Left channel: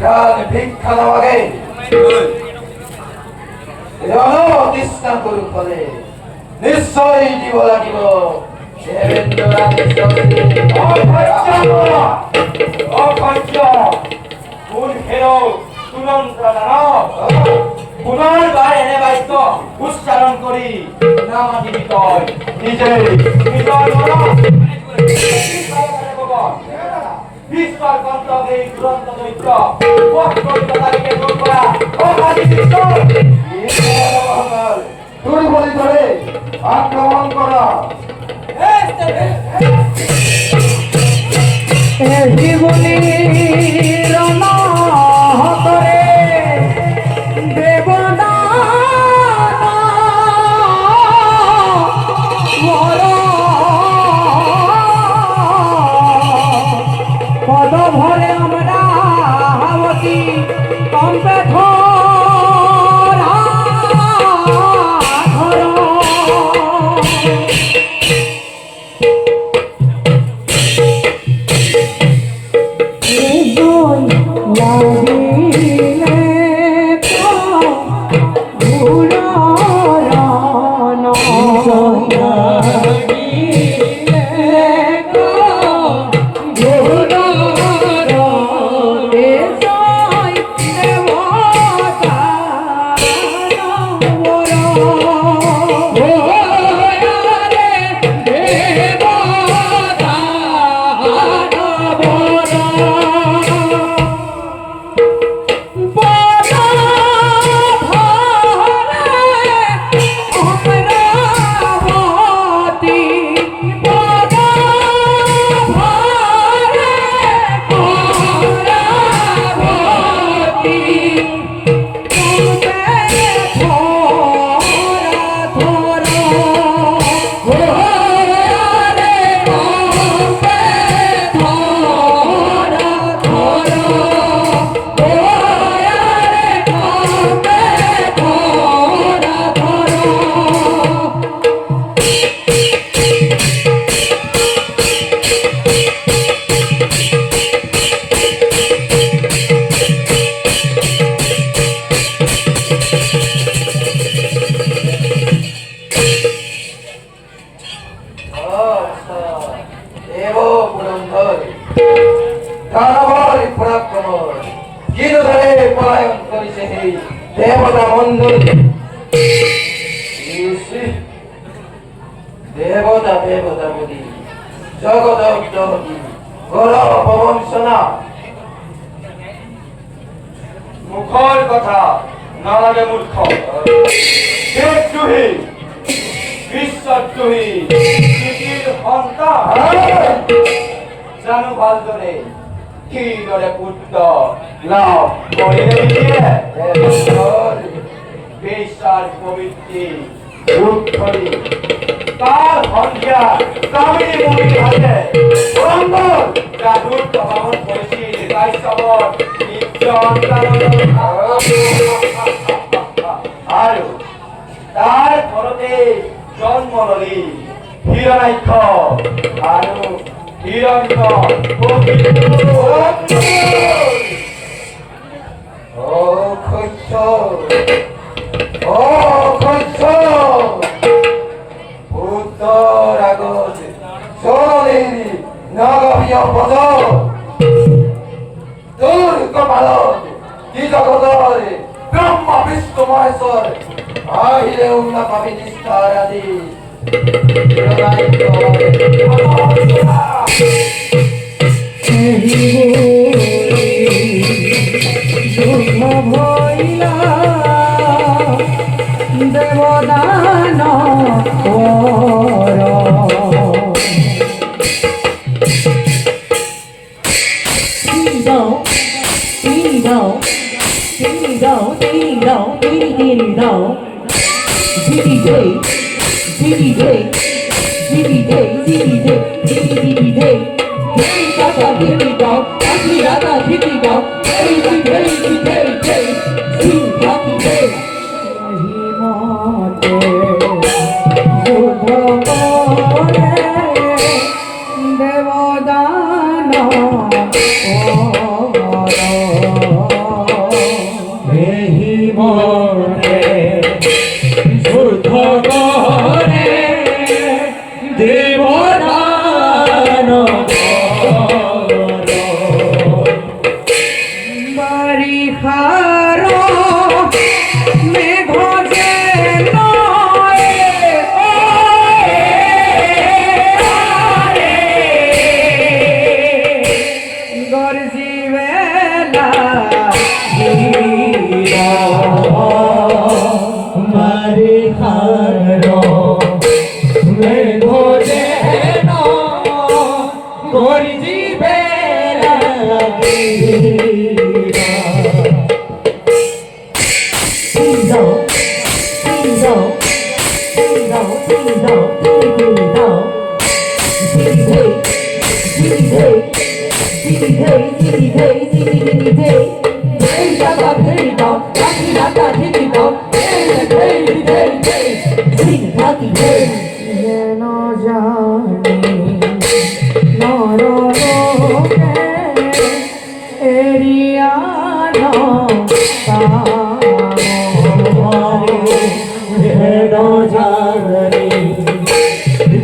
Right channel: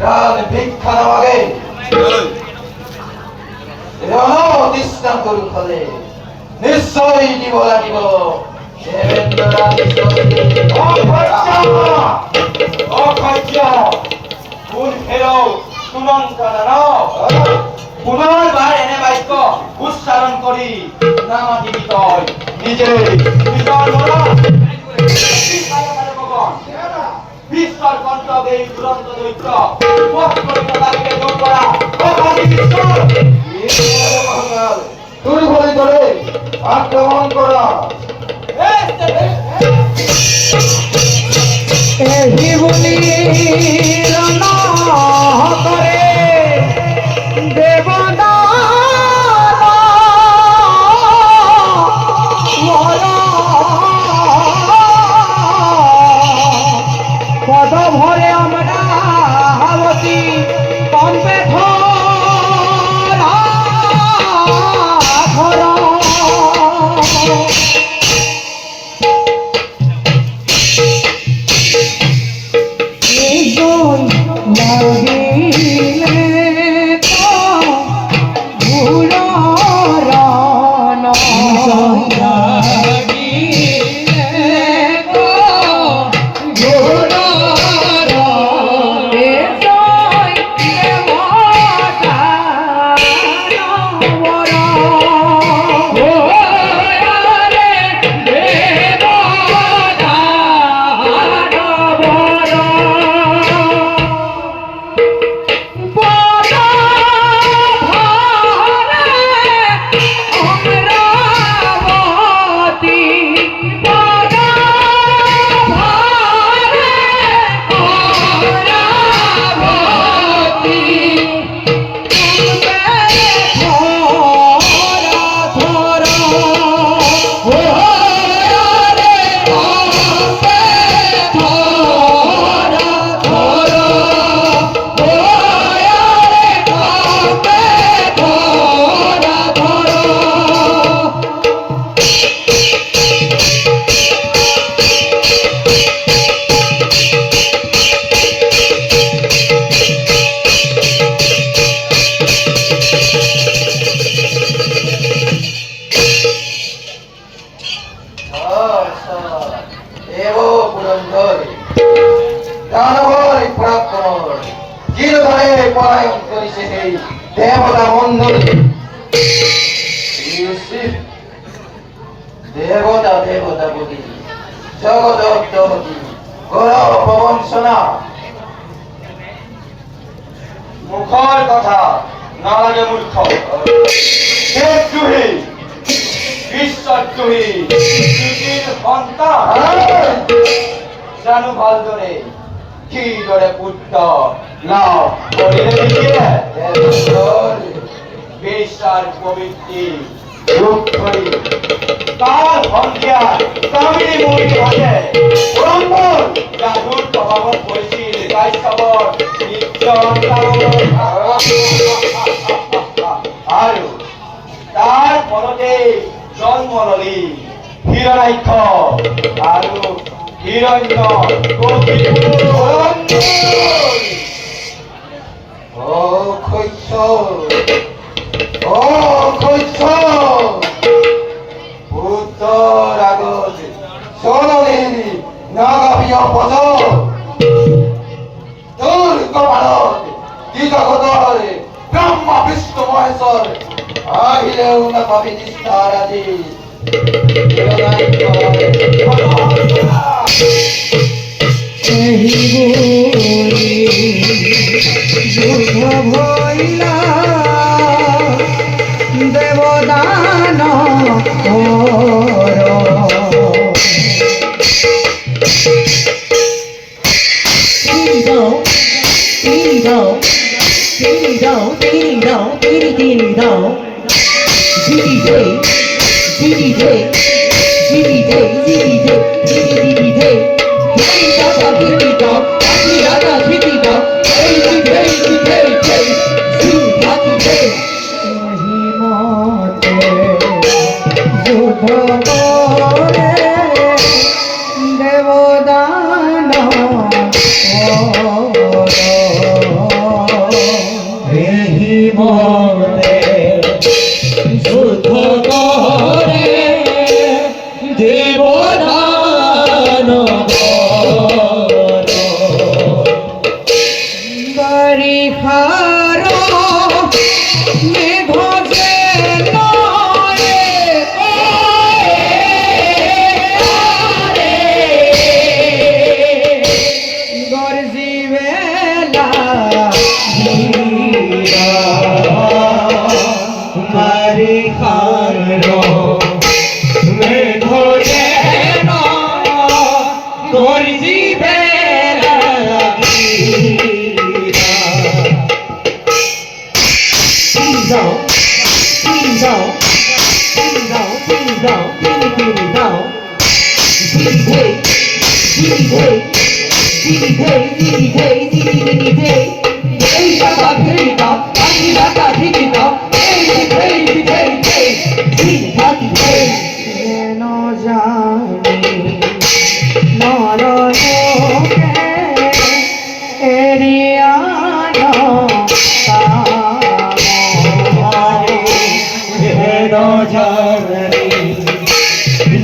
প্রাণ ভিক্ষা দেওয়াকে দৃষ্টান্তর ফলে নিশ্চয়ই দিব লাগিব পুনর্বার এনে বাক্য উচ্চারণ করি নামাতি বিতয় নিজে বিশ্বর কর্তব্যে দুরন্ত দৈত্য দুর্বলী করে আক্রমণ করা জীবনী করে দেবদা পদ ভরে আমরা হাবতী কম্পে ধরা ধরা দেবতা মন্দির দেবতা দেবতা বলি জগৎ গৌরব বংশনা মুখর কথা না লাগে মূর্খ দেবদ্রোহী বিশ্বদ্রোহী জানু ভাল ধরে কি ধরে পুত্র না পড়িয়ে দিয়ে বিশ্বার প্রবৃত্তি রূপ করি তার সন্ধ্যা তামিলি মন্দির হাতে জাদুর প্রভাব কৰিছিল তাই সবর আৰু তাৰ ফলতে জন্ম ললি হিৰণ্যাক্ষ আৰু হিৰণ্য পুত্ৰৰ আগত জননীৰ নাগাভীয় পদ তোৰ কপালত কি জগতৰ ব্ৰহ্মা বিষ্ণু মহেশ্বৰ আহিলেও নাপাবি নিষ্ঠাৰ আদি দেবদান দেবদান মনে শুদ্ধ করে দেব দান বাড়ি খারো মেঘ যে নয় গর্জি বেলা মারি খারো মেঘ যে গর্জি বেলা যেন জানি নরলোকে এরিয়ানো যেন জানি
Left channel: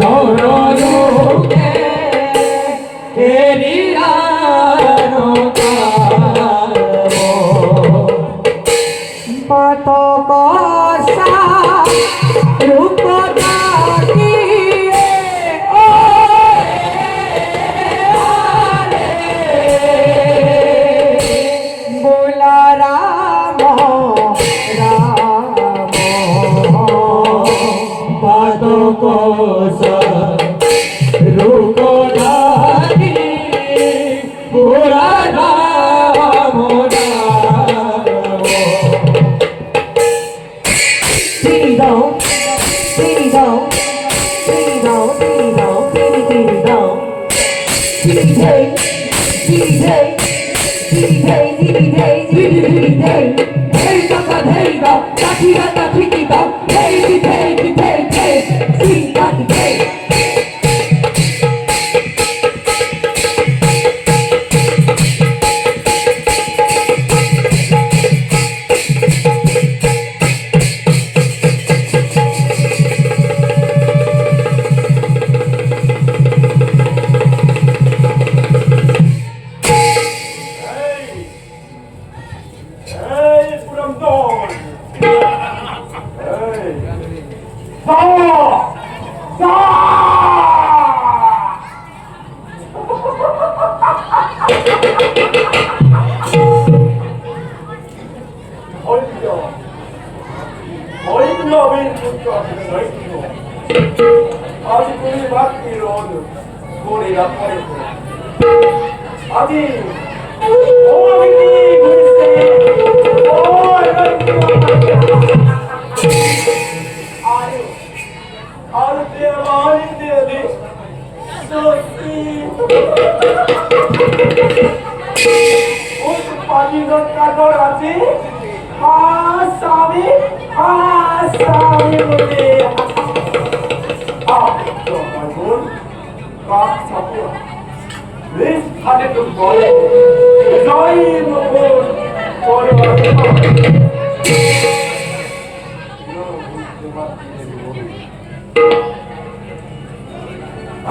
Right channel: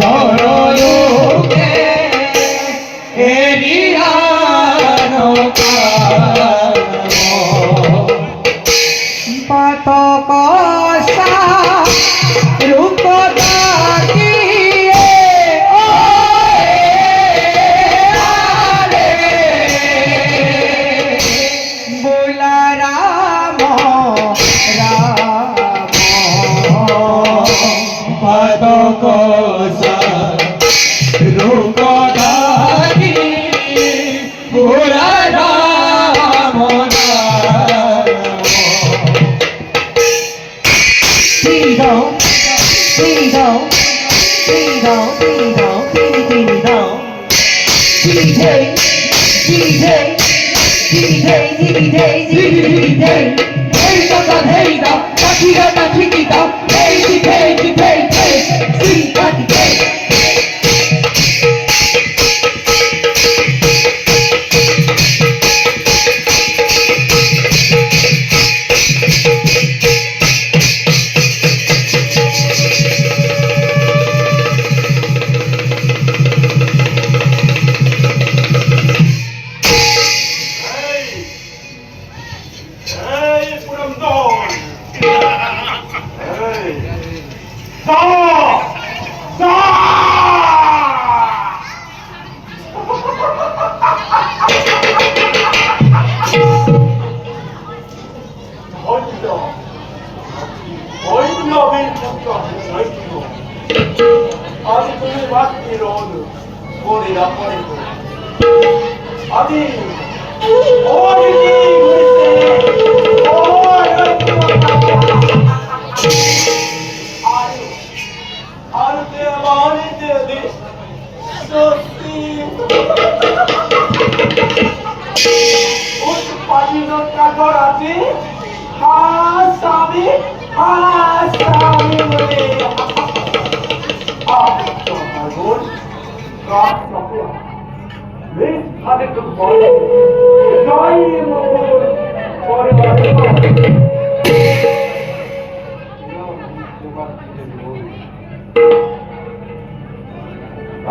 নরলোকে এরিয়ানো পথ কষা রূপ তাকিয়ে বোলা রাম রাম পদ কষা রূপ তাকিয়ে বোলা রাম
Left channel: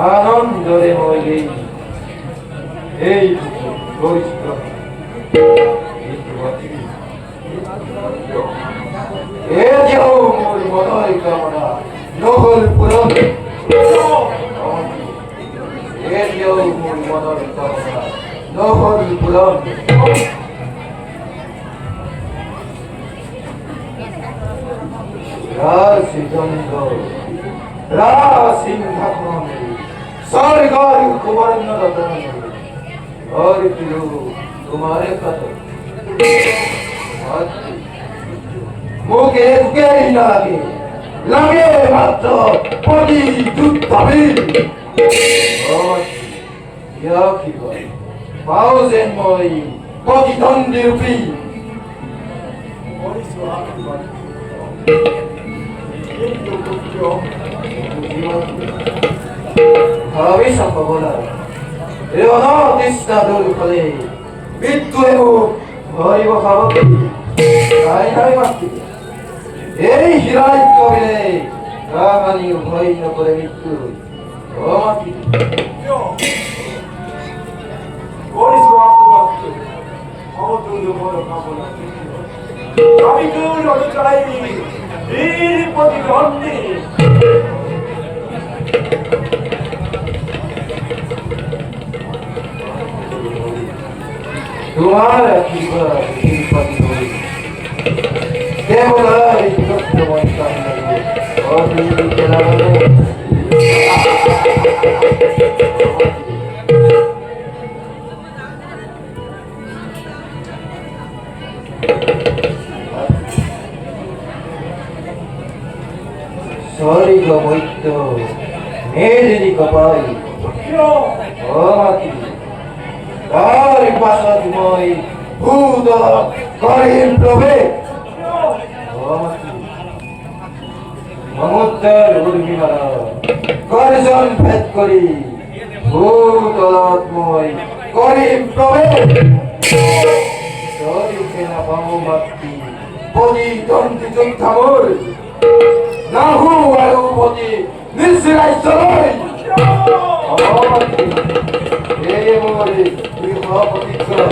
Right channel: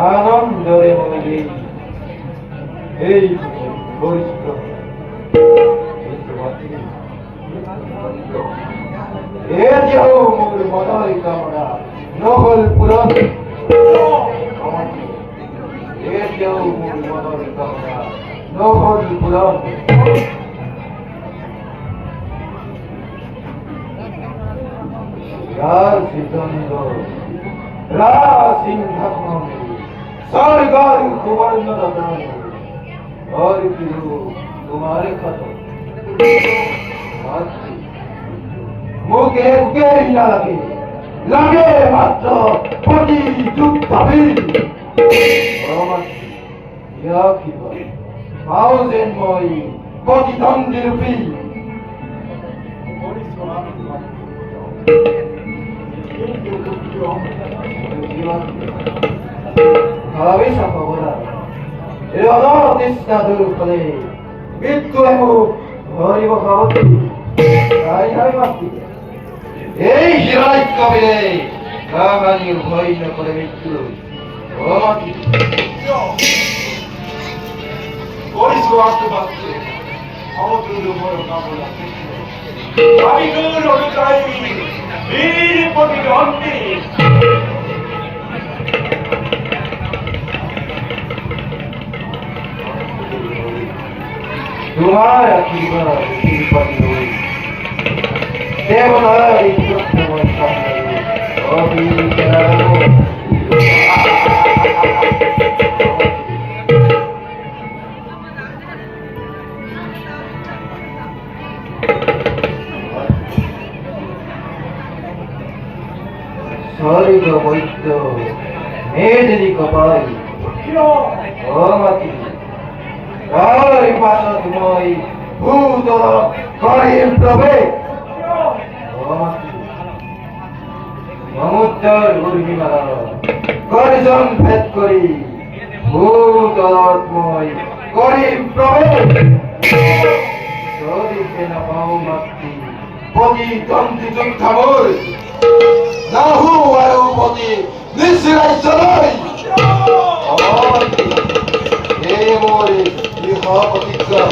আনন্দরে ময়ে এই বৈষ্ণ এ যেও মোর মনয় কামনা নহল পুরন এ যেও মোর মনয় কামনা নহল পুরন রাশিচন্দ্র রাসিংহাসন স্বর্গর কুবর্ণ রতন और पिलो तुम्हारे खत मुखे मुखे ही ना लगे लगे मात्र पदी যুদ্ধাবিল ইয়া কি হয় পাওজেন মই প্রতিদ্বন্দ্বী রূপী ভাবি সম্ভবনা এর অনর্দিষ্ট দূর ফলে মৃত্যু এবং ধরিব খাবতি তাই নয় মাতৃ, এই হিরাই কবে রাগানির ভয় না করে মৃত্যু। ও মাতৃ, করিস বাক্য বাক্য সমুদ্র বড় কামনা আমি গৌর আমি চাই বীর প্রতিদ্বন্দ্বী তোমার আশীর্বাদ শিল্পাতি হই কেবল এই সত্যময় সামনে অবিনীত নারায়ণ। স্বর্গ বৈদ্য মেদিনী কপাল ও মাতি তার পাশাতময় ভূত করিম প্রভে ও মাতি মমতার উর্মিমালা করিজন ভেদ করি ভূতলাত্ময় করিম প্রভে শরীরকে না পাও মাতি পদি তন্ত্রী যোদ্ধাবল নাহু আরো পতি নিশ্চিরাই চলাই হে মোরে ইহ প্রতিজ্ঞা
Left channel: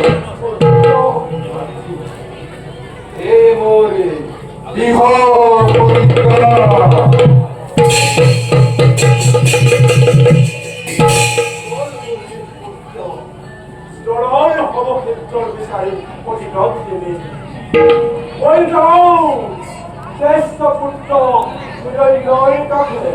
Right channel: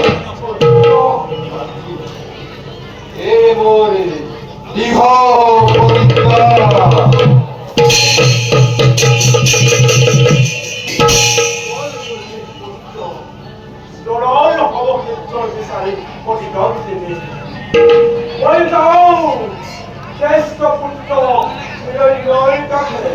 হে মোরে ইহ প্রতিজ্ঞা লড়াই অবক্ষেত্র বিচারে প্রতিদ্বন্দ্বী ওই যাও শ্রেষ্ঠ পুত্র নিরঞ্জয় কাছে